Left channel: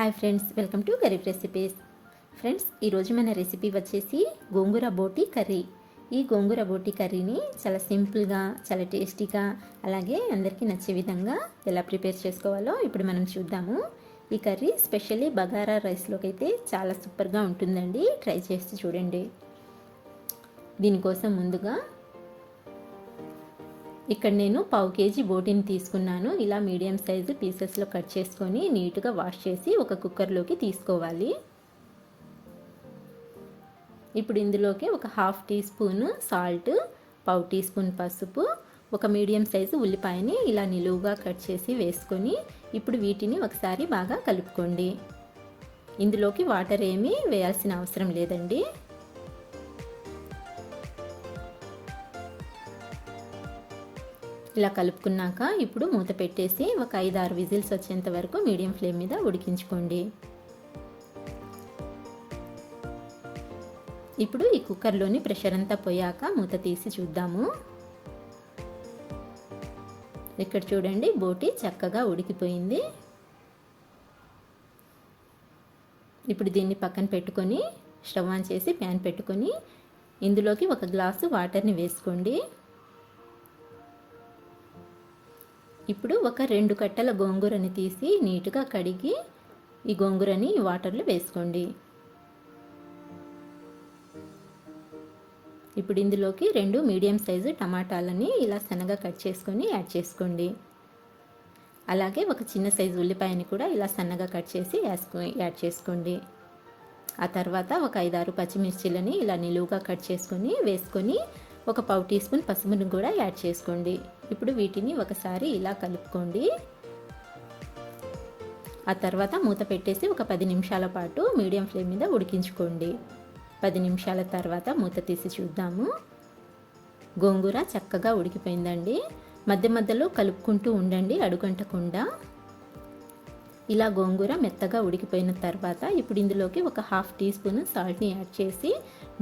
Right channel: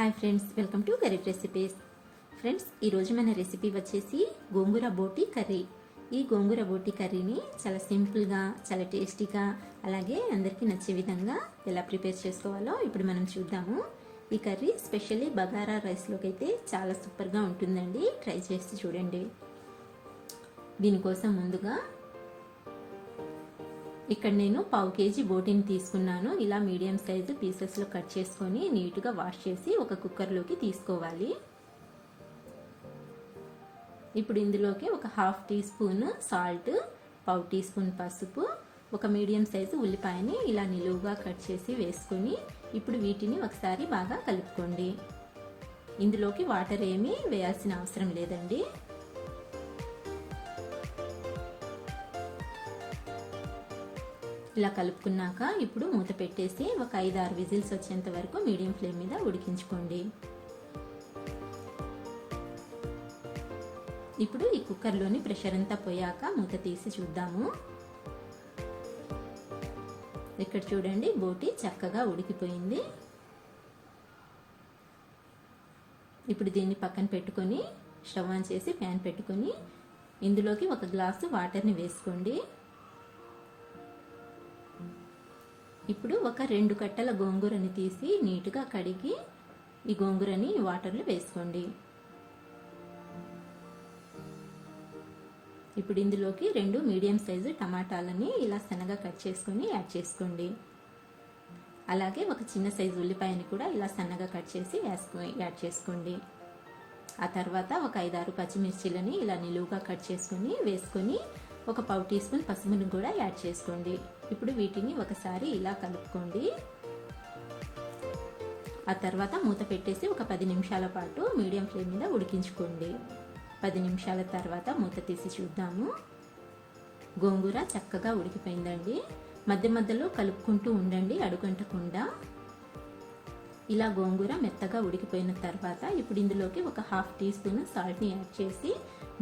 Hi friends, welcome to గారెబ్ recipes. Friends, ఈరోజు మన రెసిపీ వచ్చేసి గోంగూర బోటి కర్రీ. ఈ గోంగూర బోటి కర్రీని చాలా సింపుల్గా, చాలా టేస్టీగా, అలాగే అందరికీ నచ్చే విధంగా ఎలా ప్రిపేర్ చేసుకోవాలో ఇప్పుడు మనం చూద్దాము. ఈ కర్రీ స్పెషల్లీ బగారా రైస్లోకి అయితే చాలా సూపర్గా ఉంటుందండి. ట్రై చేసి చూడండి. దీనికోసం ముందుగా ఇక్కడ నేను 1/2 కేజీ బోటిని తీసుకున్నాను. ఇలా మీడియం సైజు పీసెస్లో కట్ చేసుకొని నీట్గా వాష్ చేసి ఒక కుక్కర్లోకి తీసుకోవాలి. ఇప్పుడు ఇందులోకి ఒక 1/2 teaspoon salt, 1/2 teaspoon పసుపు, ఒక మీడియం సైజు ఉల్లిపాయని ఇలా నిలువుగా కట్ చేసి వేసుకొని ఇప్పుడు వీటిని ఒకసారి బాగా కలుపుకోండి. ఇందులోకి వాటర్ ఏమీ వేయాల్సిన అవసరం లేదండి. ఇలా కలుపుకున్నాక ఇప్పుడు మూత పెట్టేసి ఒక 5-6 విజిల్స్ వచ్చేంత వరకు మీడియం ఫ్లేమ్ మీద ఉడికించుకోండి. ఇప్పుడు ఈ కుక్కర్లోని ప్రెషర్ అంతా పోయాక మూత తీసి చూద్దాము. ఇక్కడ చూడండి, బోటి చక్కగా ఉడికిపోయింది. ఇప్పుడు దీన్ని పక్కన పెట్టుకొని స్టవ్ ఆన్ చేసి ప్యాన్ పెట్టుకొని ఇందులోకి 1 గ్లాసు వాటర్ని వేసుకోండి. ఇప్పుడు ఒక 2 కట్టల గోంగూరని తీసి నీట్గా కడిగి ఈ గోంగూరని వాటర్లో వేసుకోండి. ఇప్పుడు ఇందులోకి 2 మీడియం సైజు టమాటాలని ఇలా సన్నగా కట్ చేసుకొని యాడ్ చేసుకోండి. అలాగే ఒక చిన్న సైజు ఉల్లిపాయని కూడా ఇలా సన్నగా కట్ చేసి యాడ్ చేసుకోండి. ఆ తర్వాత ఒక 5-6 పచ్చిమిర్చిలని ఇలా నిలువుగా కట్ చేసుకొని వేసుకొని ఒక 1/2 టీ స్పూన్ పసుపుని కూడా యాడ్ చేసుకోండి. ఇప్పుడు వీటిని ఒకసారి ఇలా కలుపుకోండి. ఆ తర్వాత మూత పెట్టేసి ఒక 10 నిమిషాల పాటు మీడియం ఫ్లేమ్ మీద ఉడికించుకోండి. 10 నిమిషాల తర్వాత మూత తీసి చూద్దాము. గోంగూర చక్కగా ఉడికిపోయిందండి. మధ్య మధ్యలో కలుపుకుంటూ ఉండండి, అడుగంటకుండా. ఇలా గోంగూర మెత్తగా ఉడికిపోయిన తర్వాత ఇప్పుడు ఇందులోకి ఒక 1/2 టీ స్పూన్ సాల్ట్ని యాడ్ చేసి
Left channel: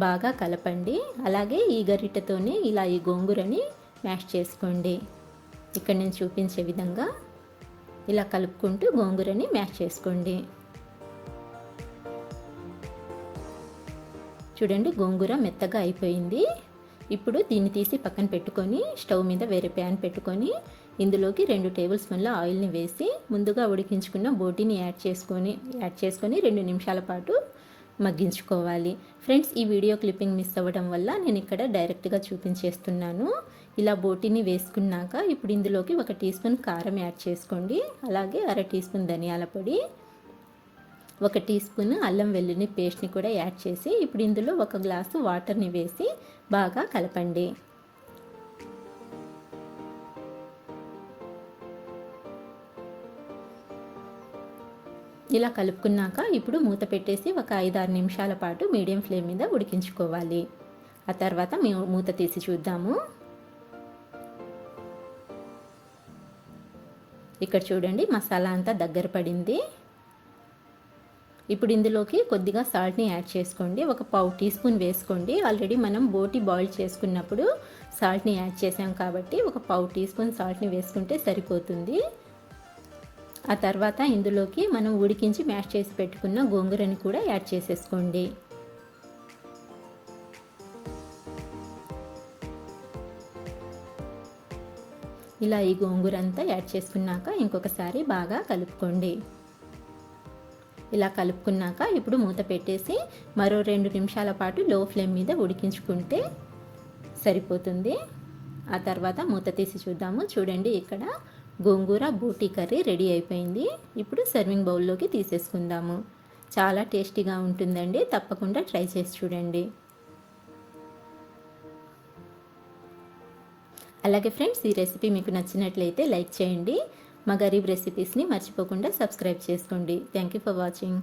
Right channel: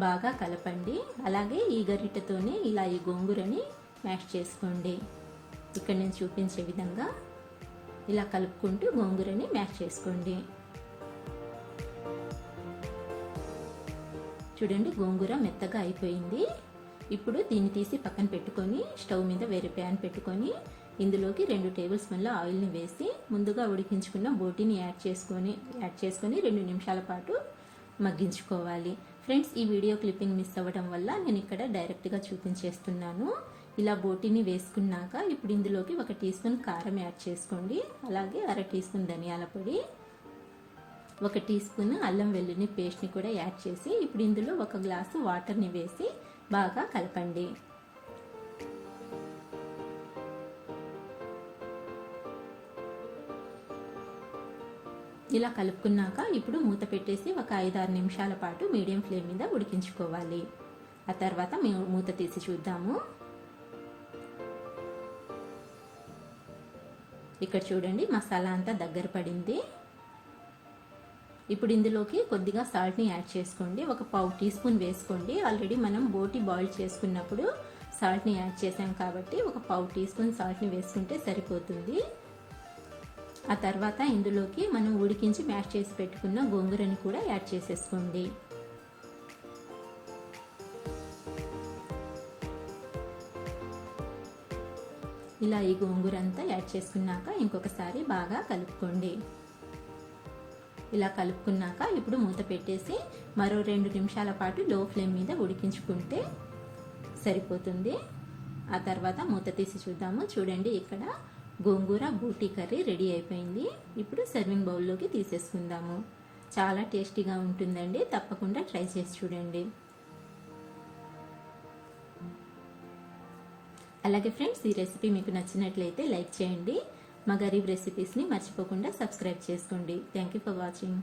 బాగా కలపండి. అలాగే ఈ గరిటెతోనే ఇలా ఈ గోంగూరని మ్యాష్ చేసుకోండి. ఇక్కడ నేను చూపించే విధంగా ఇలా కలుపుకుంటూ గోంగూరని మ్యాష్ చేసుకోండి. చూడండి, గోంగూర మెత్తగా అయిపోయింది. ఇప్పుడు దీన్ని తీసి పక్కన పెట్టుకొని స్టవ్ మీద వేరే ప్యాన్ పెట్టుకొని ఇందులోకి 2 టేబుల్ స్పూన్ల ఆయిల్ని వేసి ముందుగా ఉడికించుకున్న బోటిని యాడ్ చేసుకొని 2 నిమిషాల పాటు మగ్గించుకోవాలి. ఫ్రెండ్స్, ఈ వీడియో క్లిప్పింగ్ మిస్ అవ్వడం వల్ల నేను ఇక్కడ డైరెక్ట్గా చూపించేస్తున్నాను. ఇలా బోటిని వేసుకున్నాక ఇప్పుడు ఇందులోకి 1 టీ స్పూన్ కారం యాడ్ చేసుకోండి. అలాగే 1/2 టీ స్పూన్ ధనియాల పొడి, 1 టీ స్పూన్ అల్లం వెల్లుల్లి పేస్ట్ని కూడా యాడ్ చేసి ఇప్పుడు ఇందులో 1 గ్లాసు వాటర్ని వేసి బాగా కలపండి. ఇలా కలుపుకున్నాక ఇప్పుడు మూత పెట్టేసి ఒక 5-6 నిమిషాల పాటు మీడియం ఫ్లేమ్ మీద ఉడికించుకోవాలి. ఆ తర్వాత మూత తీసి చూద్దాము. ఇక్కడ చూడండి, మసాలా అంతా దగ్గర పడింది. ఇప్పుడు ఇందులోకి కొద్దిగా సాల్ట్ని యాడ్ చేసుకోండి. ఒక 1/2 టీ స్పూన్ వేసుకోండి. ఆల్రెడీ మనం బోటి బాయిల్ చేసుకున్నప్పుడు సాల్ట్ని యాడ్ చేసాం కాబట్టి ఒక 1/2 టీ స్పూన్ సాల్ట్ని వేసుకుంటే సరిపోతుంది. ఆ తర్వాత ఇందులోకి మనం ఉడికించి మ్యాష్ చేసి పెట్టుకున్న గోంగూరని కూడా యాడ్ చేసేసుకోండి. ఇలా ఈ గోంగూర అంతా యాడ్ చేసుకున్నాక ఇంకొకసారి బాగా కలుపుకోండి. ఇలా కలుపుకున్నాక ఇప్పుడు మూత పెట్టేసి మరో 2 నిమిషాల పాటు లో ఫ్లేమ్ మీద ఉడికించుకుంటే సరిపోతుంది. ఆ తర్వాత మూత తీసి చూద్దాము. చూడండి, ఇక్కడ గోంగూర బోటి కర్రీ రెడీ అయిపోయింది. ఇప్పుడు సర్వింగ్ బౌల్లోకి తీసేసుకుందాము. చాలా టేస్టీగా ఉంటుందండి. తప్పకుండా ట్రై చేసి చూడండి. అలాగే ఫ్రెండ్స్, ఈ రెసిపీ మీకు నచ్చినట్లయితే లైక్ చేయండి. మా గరీబ్ రెసిపీస్ని మర్చిపోకుండా సబ్స్క్రైబ్ చేసుకోండి. Thank you for watching.